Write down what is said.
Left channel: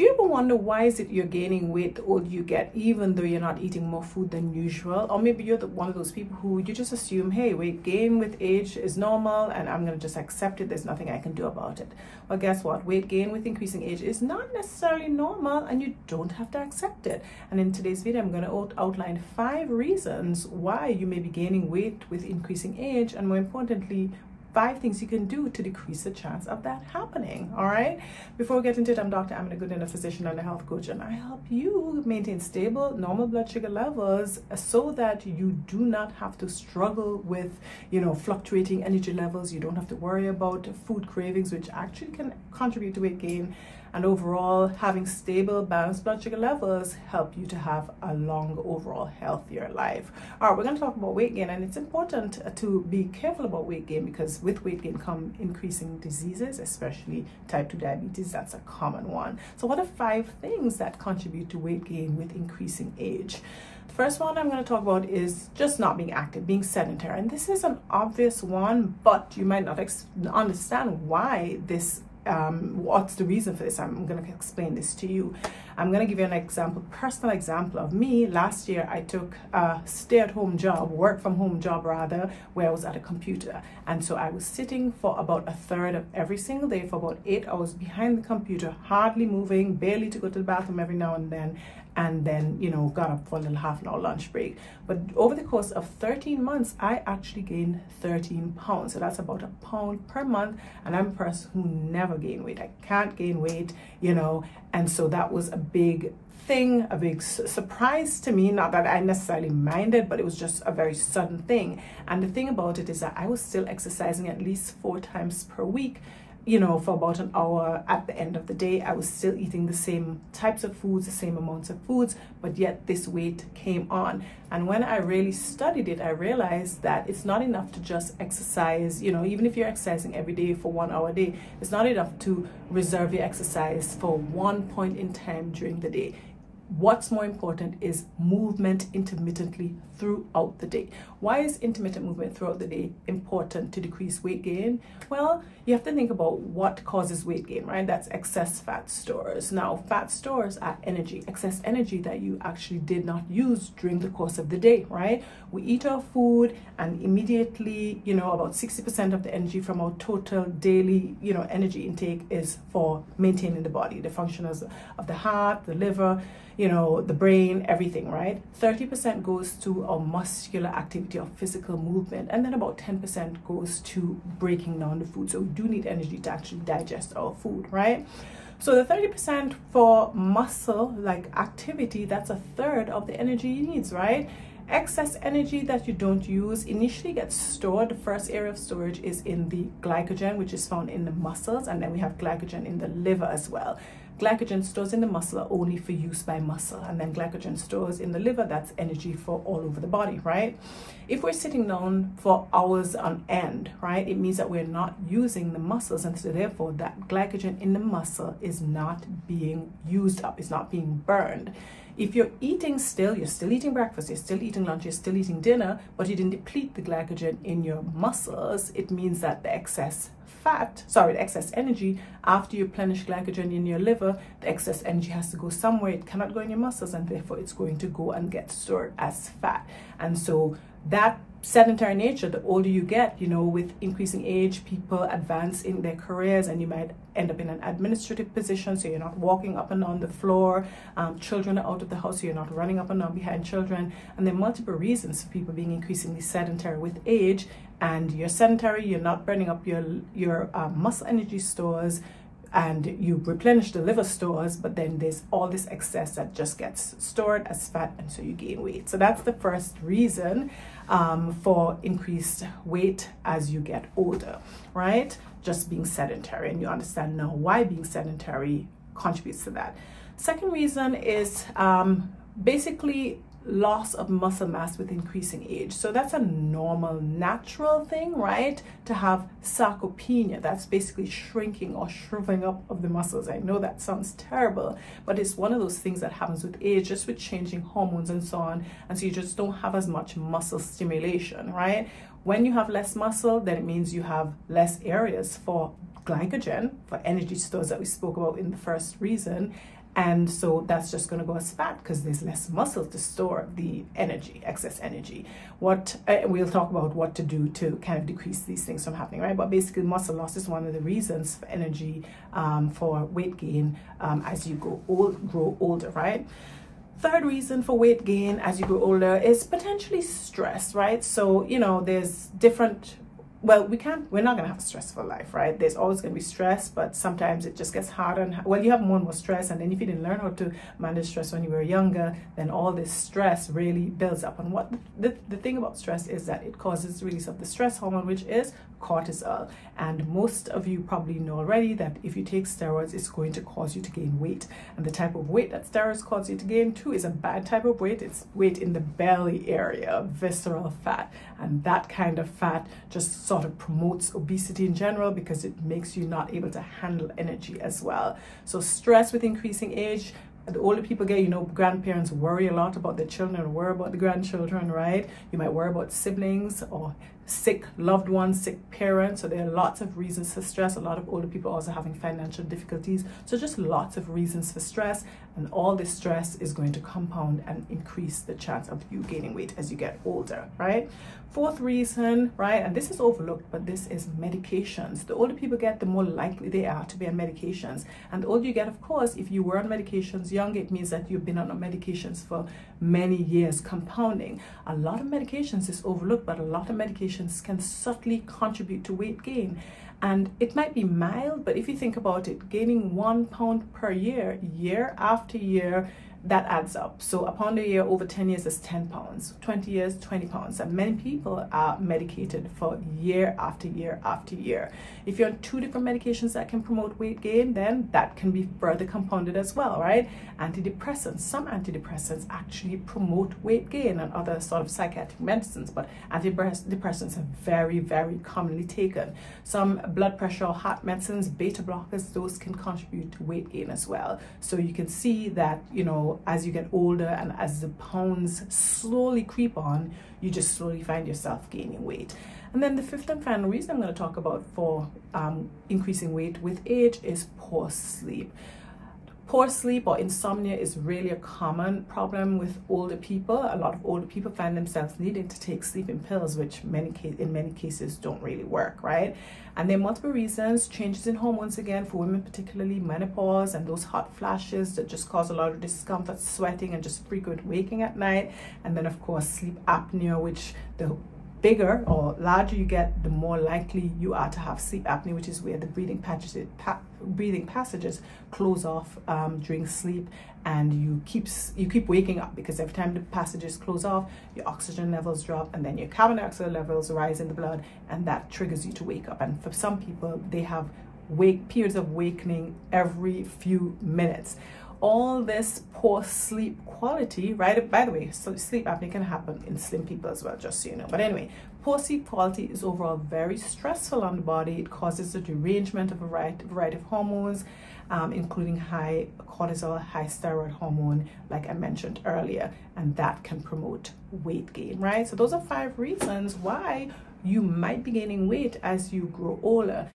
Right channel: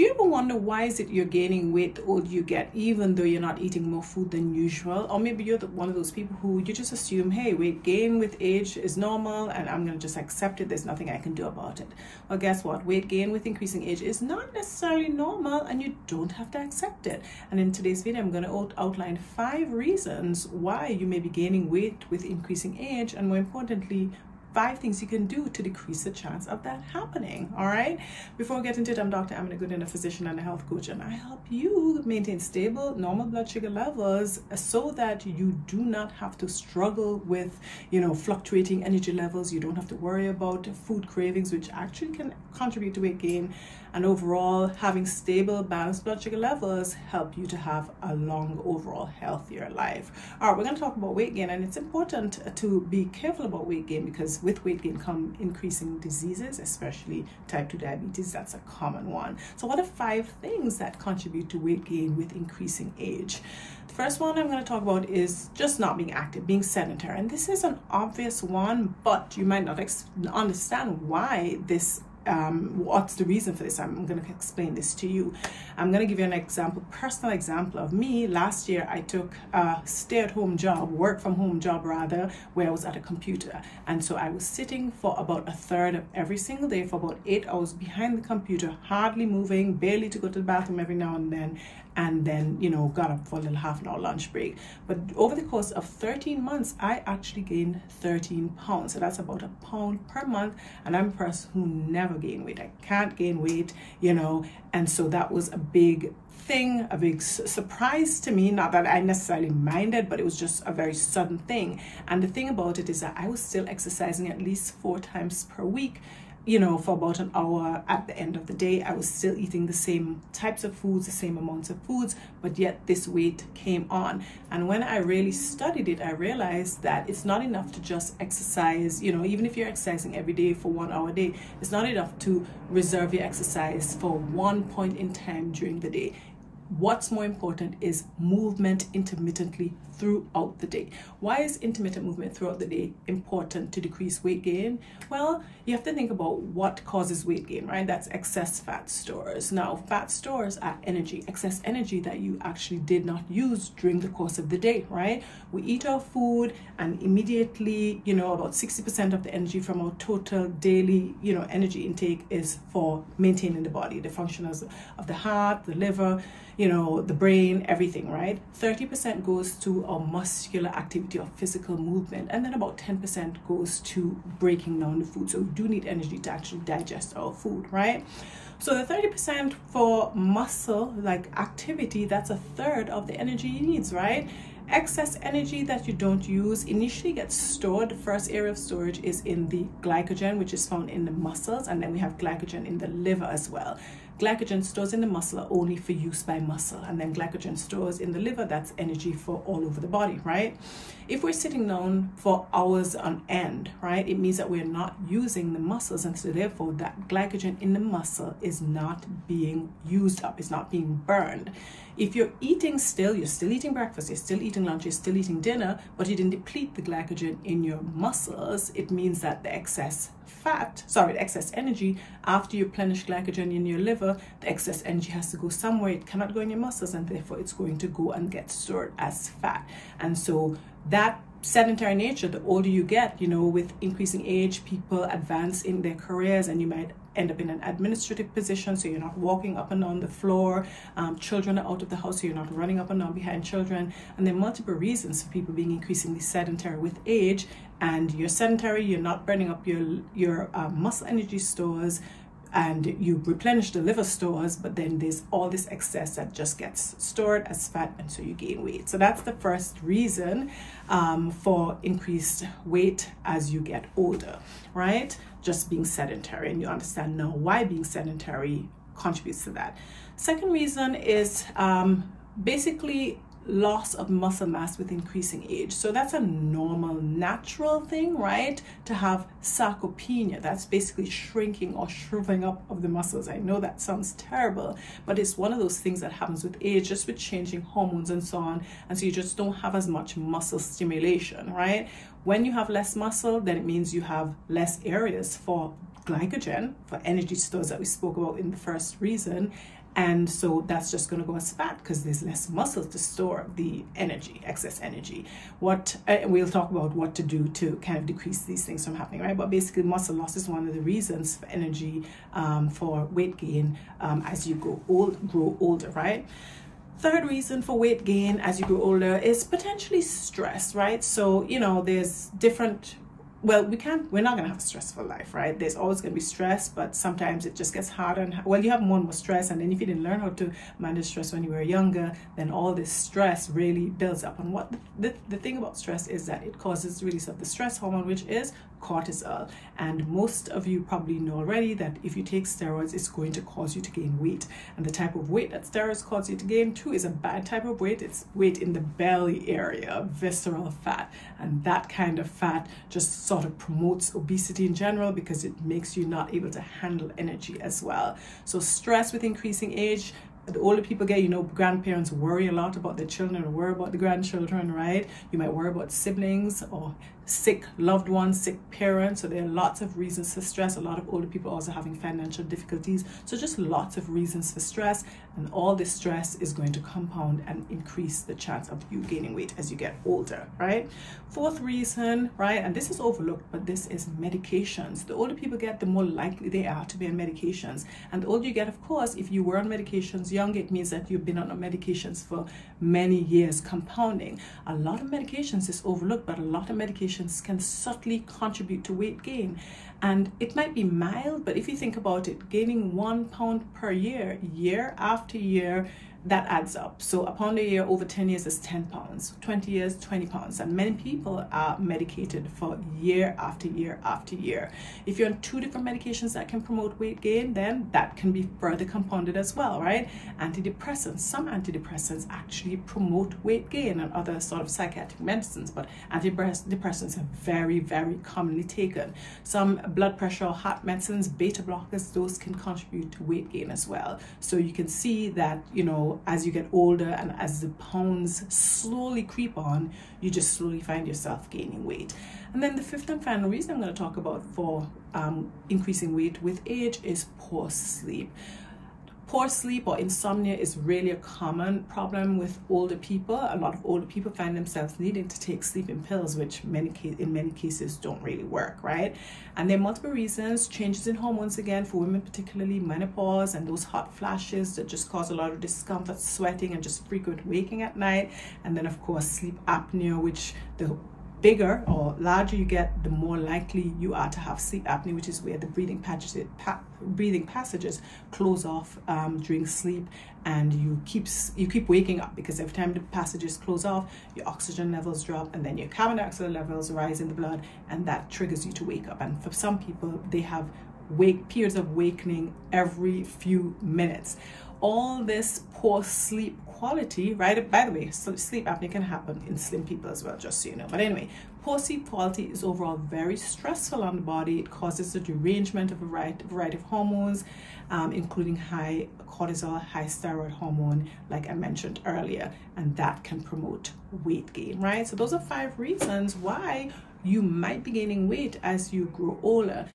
Do you ever wonder why is it you're gaining weight the older you get, even though you're not eating more food than usual? Or maybe you're one of those people who you just assume, hey, weight gain with age is normal and I'm going to just accept it. There's nothing I can do about it. Well, guess what? Weight gain with increasing age is not necessarily normal and you don't have to accept it. And in today's video, I'm going to outline 5 reasons why you may be gaining weight with increasing age, and more importantly, 5 things you can do to decrease the chance of that happening. All right, before we get into it, I'm Dr. Amina, a physician and a health coach, and I help you maintain stable, normal blood sugar levels so that you do not have to struggle with, fluctuating energy levels. You don't have to worry about food cravings, which actually can contribute to weight gain. And overall, having stable, balanced blood sugar levels help you to have a long, overall healthier life. All right, we're going to talk about weight gain, and it's important to be careful about weight gain because with weight gain come increasing diseases, especially type 2 diabetes. That's a common one. So what are 5 things that contribute to weight gain with increasing age? The first one I'm going to talk about is just not being active, being sedentary. And this is an obvious one, but you might not understand why this what's the reason for this. I'm going to explain this to you. I'm going to give you an example, personal example of me. Last year I took a stay-at-home job, work from home job rather, where I was at a computer, and so I was sitting for about a third of every single day for about 8 hours behind the computer, hardly moving, barely to go to the bathroom every now and then got up for a little half an hour lunch break. But over the course of 13 months, I actually gained 13 pounds. So that's about a pound per month. And I'm a person who never gain weight. I can't gain weight, and so that was a big thing, a big surprise to me. Not that I necessarily minded, but it was just a very sudden thing. And the thing about it is that I was still exercising at least 4 times per week, for about an hour. At the end of the day, I was still eating the same types of foods, the same amounts of foods, but yet this weight came on. And when I really studied it, I realized that it's not enough to just exercise, even if you're exercising every day for 1 hour a day, it's not enough to reserve your exercise for one point in time during the day. What's more important is movement intermittently throughout the day. Why is intermittent movement throughout the day important to decrease weight gain? Well, you have to think about what causes weight gain, right? That's excess fat stores. Now, fat stores are energy, excess energy that you actually did not use during the course of the day, right? We eat our food and immediately, about 60% of the energy from our total daily, energy intake is for maintaining the body, the functions of the heart, the liver, the brain, everything, right? 30% goes to our muscular activity or physical movement, and then about 10% goes to breaking down the food. So we do need energy to actually digest our food, right? So the 30% for muscle like activity, that's a third of the energy you need, right? Excess energy that you don't use initially gets stored. The first area of storage is in the glycogen, which is found in the muscles, and then we have glycogen in the liver as well. Glycogen stores in the muscle are only for use by muscle, and then glycogen stores in the liver, that's energy for all over the body, right? If we're sitting down for hours on end, right, it means that we're not using the muscles, and so therefore that glycogen in the muscle is not being used up, it's not being burned. If you're eating still, you're still eating breakfast, you're still eating lunch, you're still eating dinner, but you didn't deplete the glycogen in your muscles, it means that the excess energy, after you replenish glycogen in your liver, the excess energy has to go somewhere. It cannot go in your muscles, and therefore it's going to go and get stored as fat. And so that sedentary nature, the older you get, with increasing age, people advance in their careers, and you might end up in an administrative position, so you're not walking up and down the floor. Children are out of the house, so you're not running up and down behind children. And there are multiple reasons for people being increasingly sedentary with age. And you're sedentary, you're not burning up your muscle energy stores, and you replenish the liver stores, but then there's all this excess that just gets stored as fat, and so you gain weight. So that's the first reason for increased weight as you get older, right? Just being sedentary, and you understand now why being sedentary contributes to that. Second reason is basically loss of muscle mass with increasing age. So that's a normal, natural thing, right? To have sarcopenia, that's basically shrinking or shriveling up of the muscles. I know that sounds terrible, but it's one of those things that happens with age, just with changing hormones and so on. And so you just don't have as much muscle stimulation, right? When you have less muscle, then it means you have less areas for glycogen, for energy stores that we spoke about in the first reason. And so that's just going to go as fat because there's less muscle to store the energy, excess energy. We'll talk about what to do to kind of decrease these things from happening, right? But basically muscle loss is one of the reasons for energy, for weight gain as you grow older, right? Third reason for weight gain as you grow older is potentially stress, right? So, you know, there's different, well, we're not going to have a stressful life, right? There's always going to be stress, but sometimes it just gets harder. And well, you have more and more stress. And then if you didn't learn how to manage stress when you were younger, then all this stress really builds up. And what the thing about stress is that it causes the release of the stress hormone, which is cortisol. And most of you probably know already that if you take steroids, it's going to cause you to gain weight. And the type of weight that steroids cause you to gain too is a bad type of weight. It's weight in the belly area, visceral fat. And that kind of fat just sort of promotes obesity in general because it makes you not able to handle energy as well. So stress with increasing age, the older people get, you know, grandparents worry a lot about their children or worry about the grandchildren, right? You might worry about siblings or sick loved ones, sick parents. So there are lots of reasons for stress. A lot of older people also having financial difficulties. So just lots of reasons for stress, and all this stress is going to compound and increase the chance of you gaining weight as you get older, right? Fourth reason, right, and this is overlooked, but this is medications. The older people get, the more likely they are to be on medications. And the older you get, of course, if you were on medications young, it means that you've been on medications for many years, compounding. A lot of medications is overlooked, but a lot of medications can subtly contribute to weight gain. And it might be mild, but if you think about it, gaining 1 pound per year, year after year, that adds up. So a pound a year over 10 years is 10 pounds, 20 years, 20 pounds. And many people are medicated for year after year after year. If you're on 2 different medications that can promote weight gain, then that can be further compounded as well, right? Antidepressants, some antidepressants actually promote weight gain, and other sort of psychiatric medicines, but antidepressants are very, very commonly taken. Some blood pressure or heart medicines, beta blockers, those can contribute to weight gain as well. So you can see that, you know, as you get older and as the pounds slowly creep on, you just slowly find yourself gaining weight. And then the fifth and final reason I'm going to talk about for increasing weight with age is poor sleep. Poor sleep or insomnia is really a common problem with older people. A lot of older people find themselves needing to take sleeping pills, which in many cases don't really work, right? And there are multiple reasons. Changes in hormones, again, for women particularly, menopause and those hot flashes that just cause a lot of discomfort, sweating, and just frequent waking at night. And then, of course, sleep apnea, which the bigger or larger you get, the more likely you are to have sleep apnea, which is where the breathing passages close off during sleep, and you keep waking up because every time the passages close off, your oxygen levels drop and then your carbon dioxide levels rise in the blood, and that triggers you to wake up. And for some people, they have periods of awakening every few minutes. All this poor sleep quality, right? By the way, sleep apnea can happen in slim people as well, just so you know. But anyway, poor sleep quality is overall very stressful on the body. It causes the derangement of a variety of hormones, including high cortisol, high steroid hormone, like I mentioned earlier, and that can promote weight gain, right? So those are 5 reasons why you might be gaining weight as you grow older.